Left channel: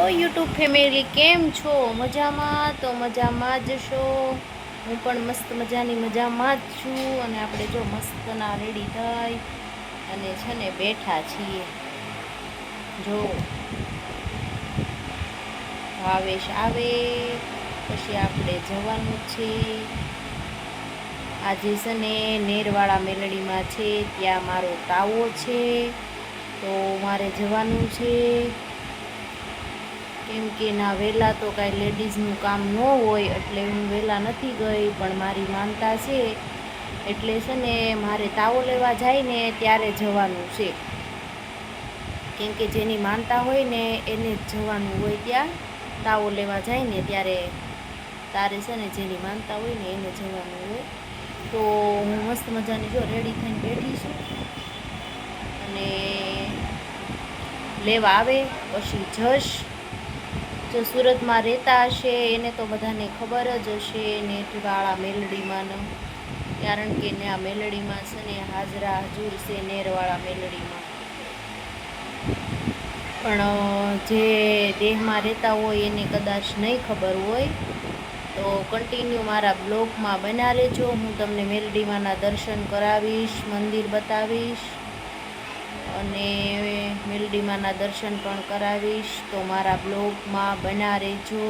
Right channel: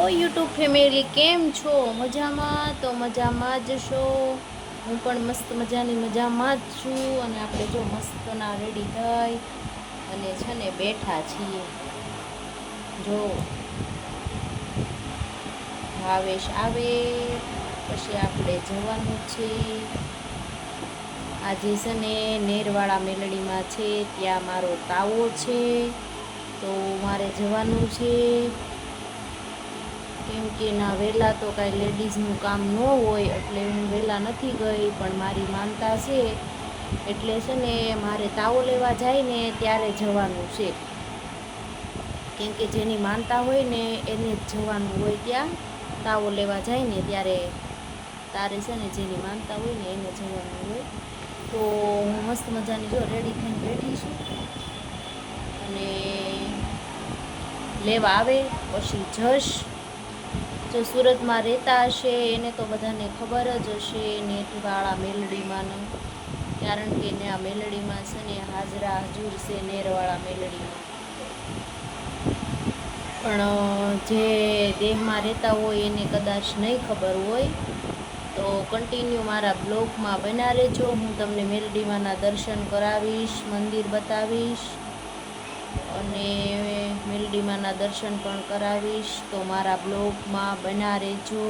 Hello YouTube family, કેમ છો? મજામાં? તો મજામાં જ છો. હું પણ મસ્ત મજાની મજામાં જ છું. અને આપણે જો મસ્તના રેડી થઈ અને છે ને બેઠા છીએ. જો ભાવેશ આવે પછી આપણે જવાનું છે. આજે છે ને નેરવાળા મેલડીમાં છે, ત્યાં મારો તાવો છે, તો મારે જવાનું છે. કેમ કે ના વહેલા તો કાંઈ લેડીઝનું કામ ન હોય એટલે હું વહેલા નથી ગઈ, પણ મારી માનતા છે એટલે છે ને મારે તાવો લેવા જાય ને ત્યારે જવાનું છે. કેમ કે જેની માનતા હોય ને એને જ જવાનું હોય, ત્યાં તાવો લેવા જાય ને ત્યારે તારે છે ને જેની માનતા હોય ને એને જવાનું હોય. તો હું મસ્ત મજાની જો રેડી થઈને બેઠી છું અને લેવા આવે પછી જશ. જો સુરતમાં રહેતા હશે એને તો બધાને ખબર જ હશે નેરવાળા મેલડીમાં, કારણ કે ને આ મેલડીમાં છે ને હાજરા હજુર છે નેરવાળા મેલડીમાં. પણ જે દેહમાં રહેતા હોય એને કદાચ નહીં ખબર હોય, તો કન્ટિન્યુ મારા બ્લોગમાં બન્યા રહેજો. હું તમને મેલડીમાંના દર્શન કરાવીશ, મંદિર બતાવીશ અને મેલડીમાંના દર્શન પણ કરાવીશ. તો મારા બ્લોગમાં બન્યા રહેજો.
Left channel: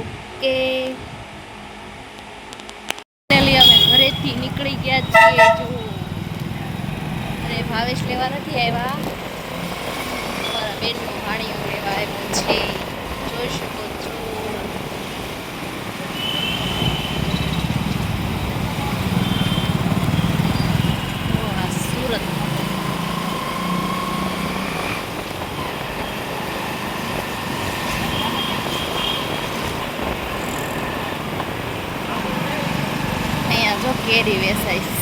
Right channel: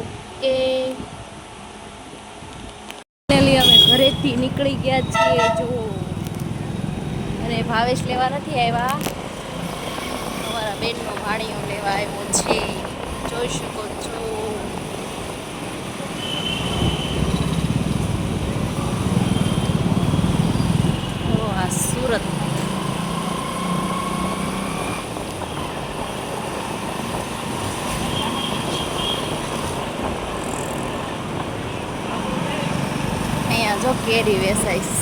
ઓકે. અમે ઘરેથી નીકળી ગયા છીએ જો, અને ભાવેશ લેવા નથી આવ્યા, બેનનો હાડીઓ લેવા આવ્યો છે. જોઈ શકો છો. સુરત અહીંયા જો કેરી વેચાઈશ.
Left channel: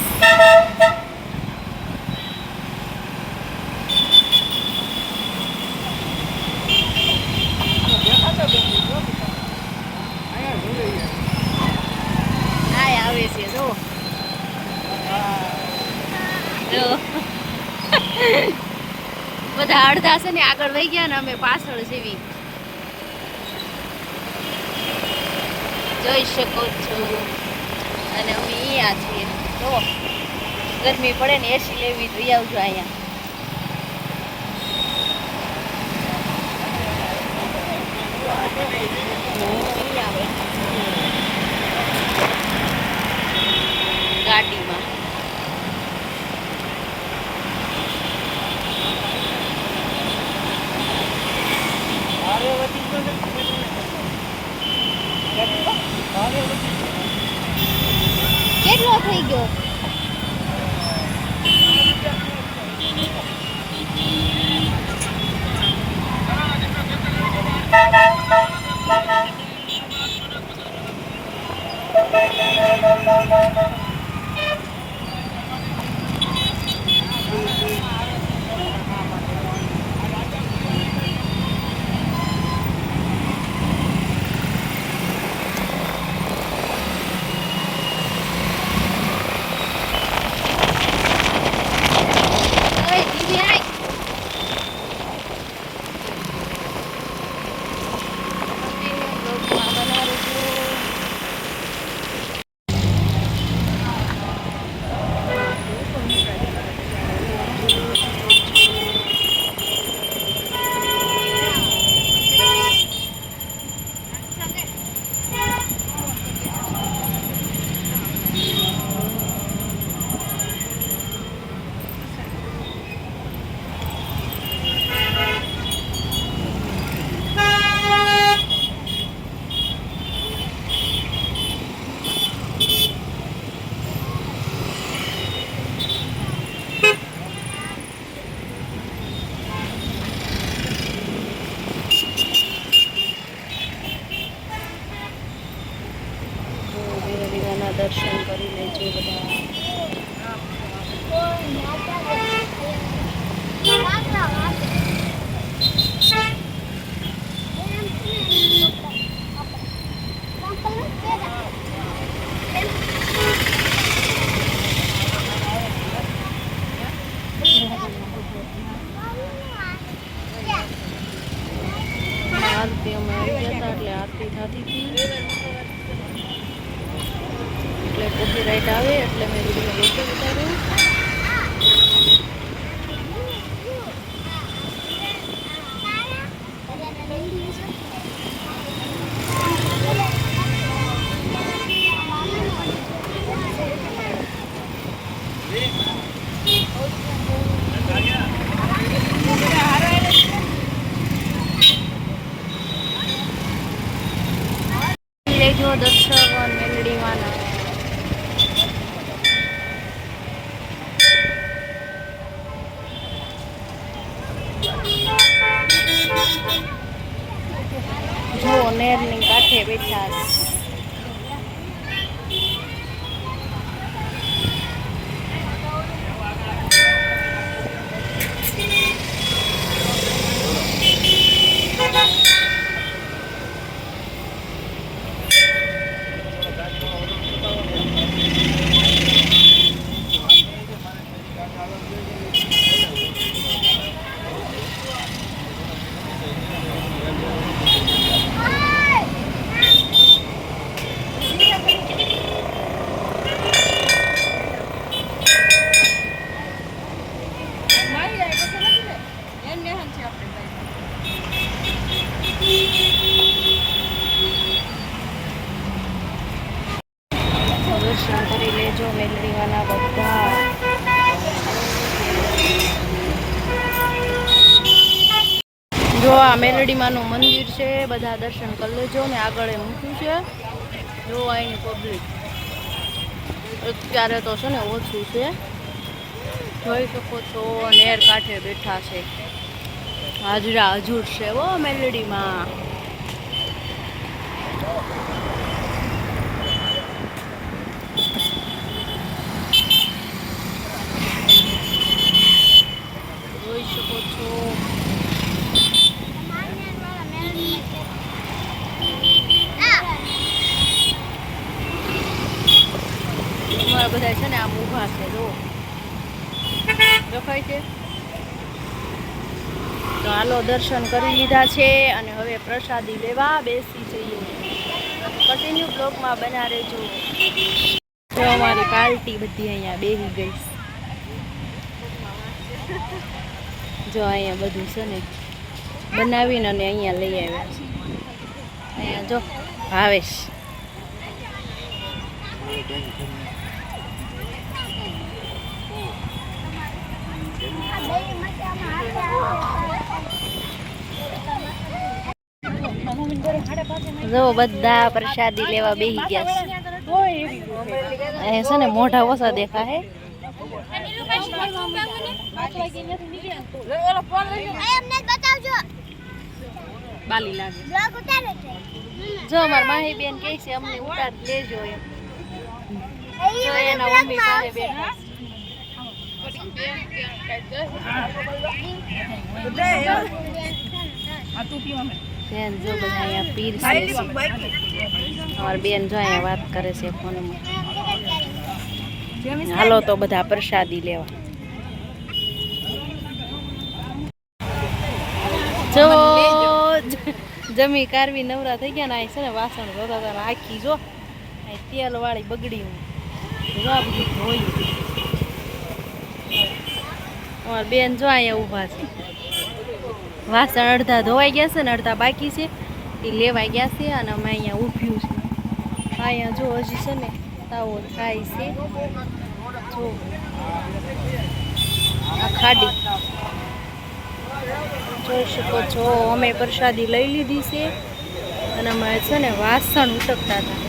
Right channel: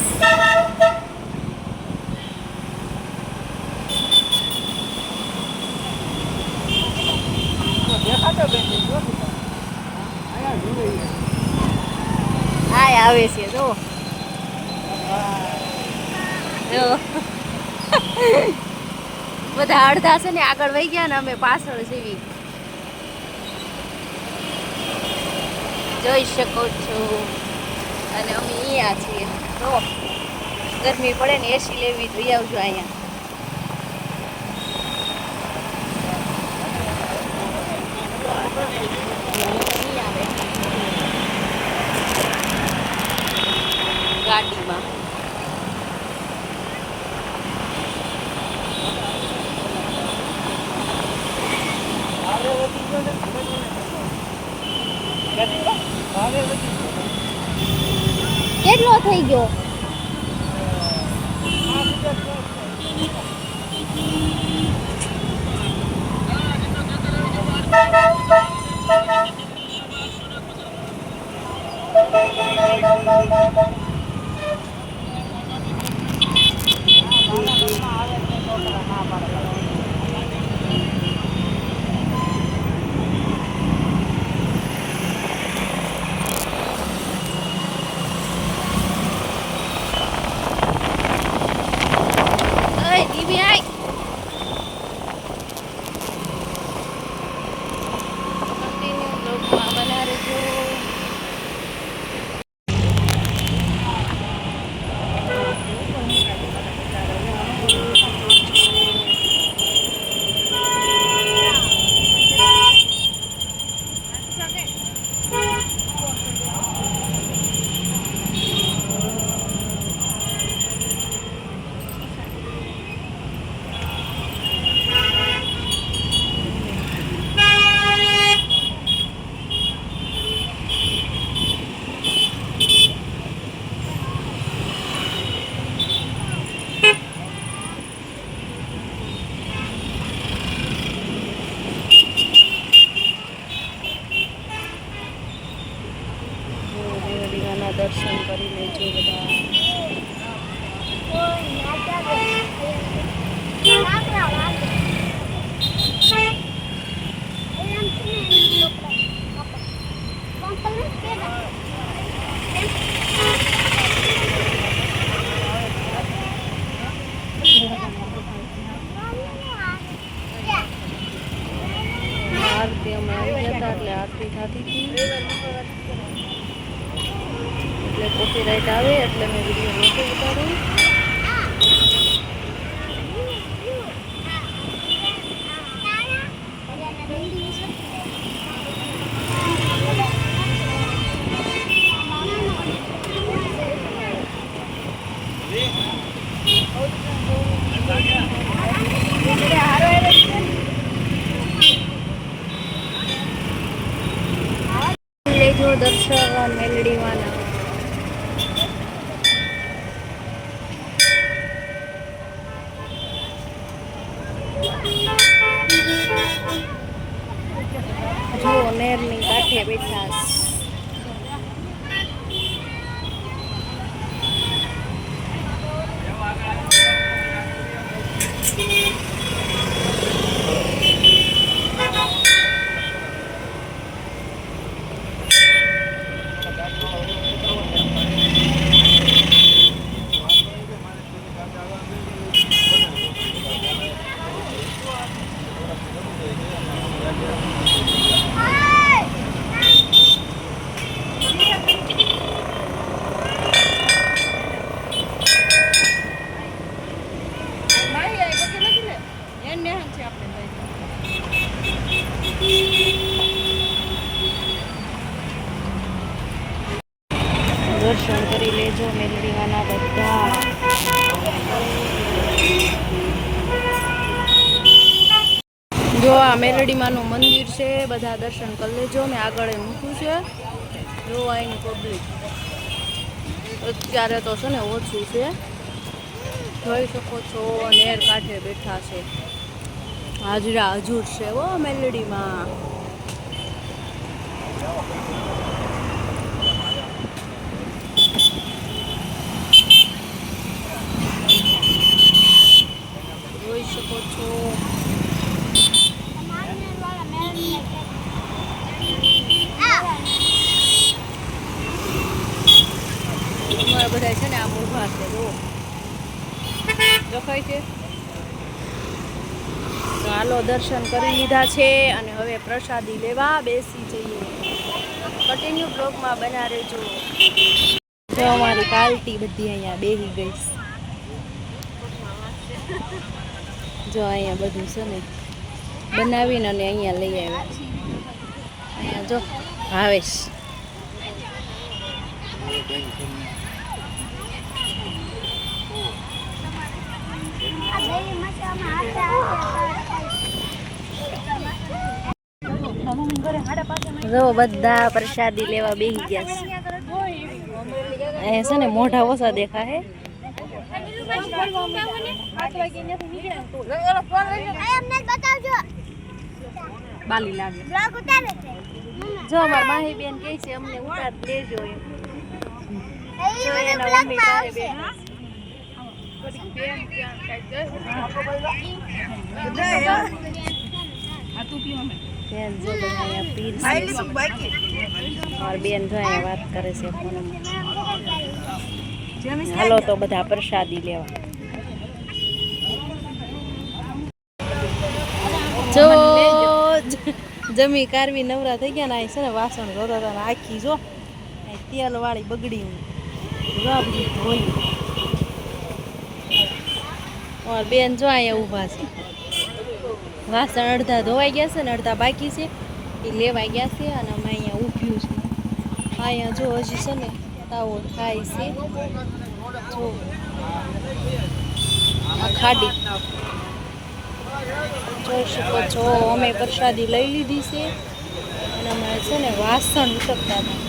આવે છે જો બધા અડધા છે ને આગળ વહી ગયા ને અમે પાછળ જેવી. જોઈ શકો છો. અને અમે અહીંયા છીએ જો, ગરમી પડે ને એસી લેવી તો આવજો અહીંયા. ગાડીમાં કેટલો થઈ ગયો? દર્શન કરી લેજો બધા. આરતી અમે આવી ગયા હતા એટલે આરતી થતી હતી એટલે કોપીરાઇટ આવે એટલે મેં વિડીયો નહોતો ઉતાર્યો. લેજો દર્શન મેલડીમાંના. જો નેરની કાંઠે બેઠા દર્શન કરી લેજો મેલડીમાંના બધા. જો આ મેલડીમાંનું મંદિર છે, બધા દર્શન કરી લેજો. મેં આગળ મૂક્યું છે. જો અહીંની પબ્લિક અત્યારે તો છે ને ઓછું છે, જોઈ શકો છો. નેર કાંઠે બેઠા છે, હાજરા હજુર છે ઓ મેલડીમાં. જોઈ શકો છો. અમારા બધા છે ને આમ ઊભા છે, જો દેખાય છે. તો હાલો દર્શન કરી લીધા છે અને હવે પ્રસાદી લેવા બેસી જઈએ. કન્ટિન્યુ બ્લોગમાં બના રહેજો. જો અમારી પાર્ટી બધી અહીંયા બેસી ગઈ. જો અહીંયા બધું છે ને બનાવીને અને અહીંયા લઈ આવ્યા છે. અહીંયા જો ભાવેશ જો બધા પ્રસાદી લેવા બેસી ગયા છે. અહીંયા છે ને મોઢા ઓછા દેખા હે. જો અમારા માહી બેન કહે છે અમને ઉતાર લેજો એમ. જો એના મમ્મી પાસે બેઠા. બેન જો બધા અહીંયા પીર છે. અમારી બેન જો અહીંયા વાત કરે છે ફોનમાં. હાલો તો બધા પ્રસાદી લેવા. જો જમી કારવી નવરા થઈ ગયા ને અહીં છે ને વાસણ ધોતા હતા. આખી જો તેલ વાળી બગડી હોલી. અમારા બેન જો અહીંયા ઊભા છે. વાસણ અડધા ધોવાઈ ગયા છે ને અડધા બાકી છે, એ લેવાઈ ગયા છે અને અમે અહીંયા ઊભ્યું છે. અહીંયા જો હજી છે ને તાવો થાય છે. જો આ ખાડી જોઈ શકો છો. અમે પ્રસાદી લઈ લીધી છે અને અમારે છે ને વાસણ ઉટકતા હતા.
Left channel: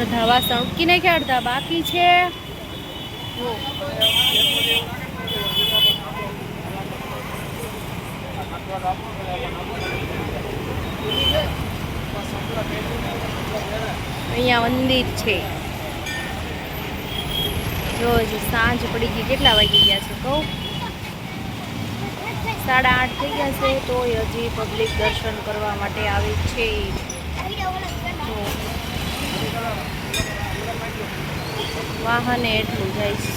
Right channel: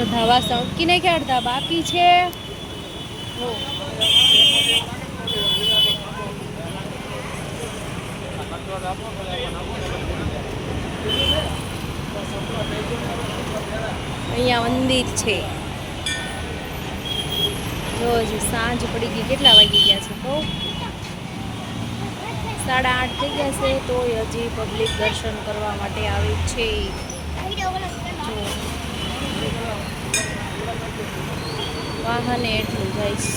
અડધા વાસણ ઉટકી નાખ્યા, અડધા બાકી છે. જો અહીંયા મંદિર છે. જો હજી સાંજ પડી ગઈ. કેટલા વાગી ગયા છે કહું? 8:30 થઈ ગયા છે. તોય હજી પબ્લિક દર્શન કરવા માટે આવે છે. જો વાહને એટલું જાય છે,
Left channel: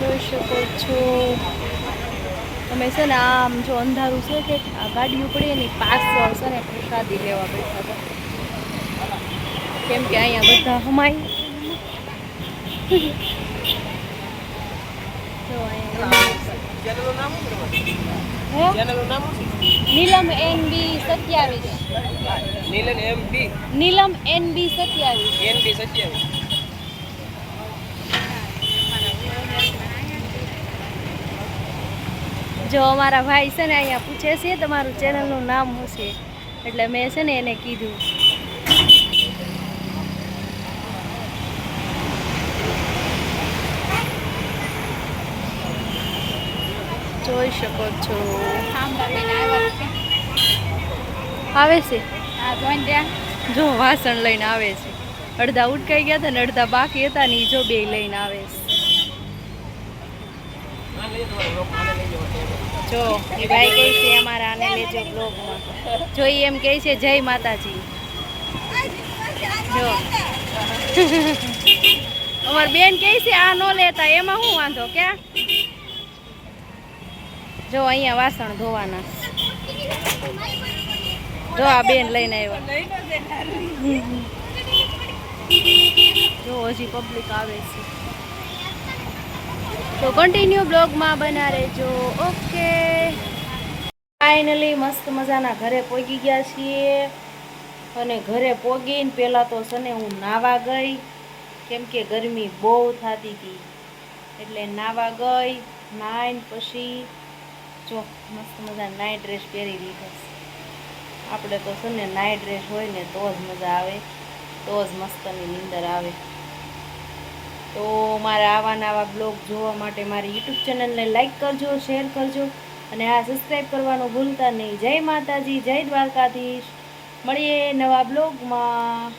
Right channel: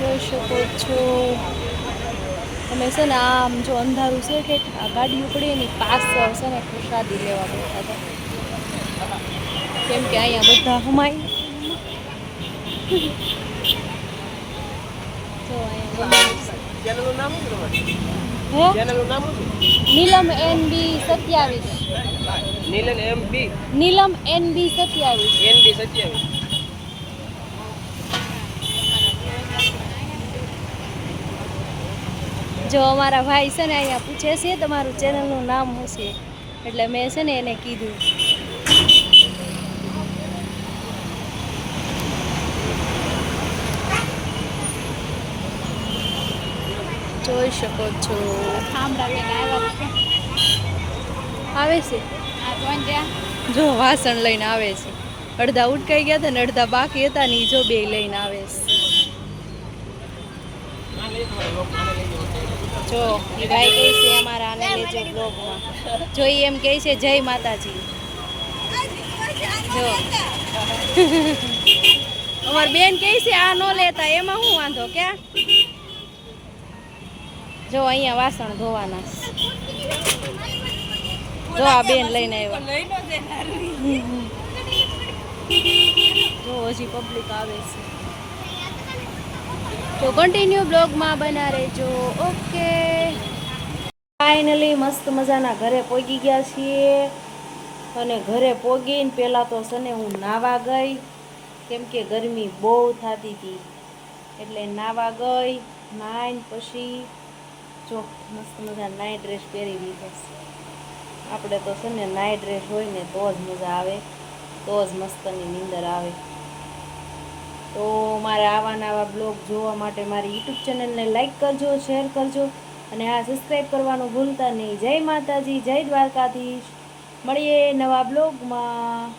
જોઈ શકો છો. અમે છે ને આમ જો અંધારું છે કે આ ગાડી ઉપડે એની પાછળ છે ને પ્રસાદી લેવા બેઠા હતા, કેમ કે અહીંયા બધા હમાય. જો અહીંયા નીલમ NB 27. નીલમ NB 27. જો અમારા ભાઈ છે ને અહીંયા પૂછે છે તમારું ચેનલનું નામ શું છે, એટલે મેં છે ને એને કીધું. જોઈ શકો છો આવે છે, જો વાસણ લઈને આવે છે. અડધા ઉટકાઈ ગયા હતા ને અડધા બાકી હતા ને જો બે લઈને આવે છે. જો એ ભાઈ કહે છે અમારા આને લેજો બ્લોગમાં. જો એમ કહે છે જય માતાજી. જો અમાર બેન કહે છે આ નો લેતા, એમાં શું વાંધો ક્યાં. જો અહીંયા વાસણ ધોવાના, જો આ બેન લઈને આવ્યા. જો હજી પબ્લિક આવે છે, તો કન્ટિન્યુ બ્લોગમાં બના રહેજો. ઓકે, ફાઇનલી મસ્ત મજાના ઘરે પહોંચી ગયા છીએ. અને ઘરે પહોંચીને પહેલાં તો છે ને હું નાવા ગઈ, કેમ કે ગરમી બહુ થતી હતી એટલે નાવા ગઈ. નાઈને પછી જો મસ્ત મજા નાઇટ ડ્રેસ પહેરી લીધો. આપણે તો છે ને નાઇટ ડ્રેસ હોય ને તો જ મજા આવે, તો જ મસ્તની નીંદર આવે. તો મારા આવા નવા બ્લોગ જોવા માટે મારી યુટ્યુબ ચેનલને લાઈક કરજો, શેર કરજો અને આ સબસ્ક્રાઈબ કરવાનું ભૂલતા નહીં. જય માતાજી, જય દ્વારકાધીશ. મળીએ નવા બ્લોગમાં.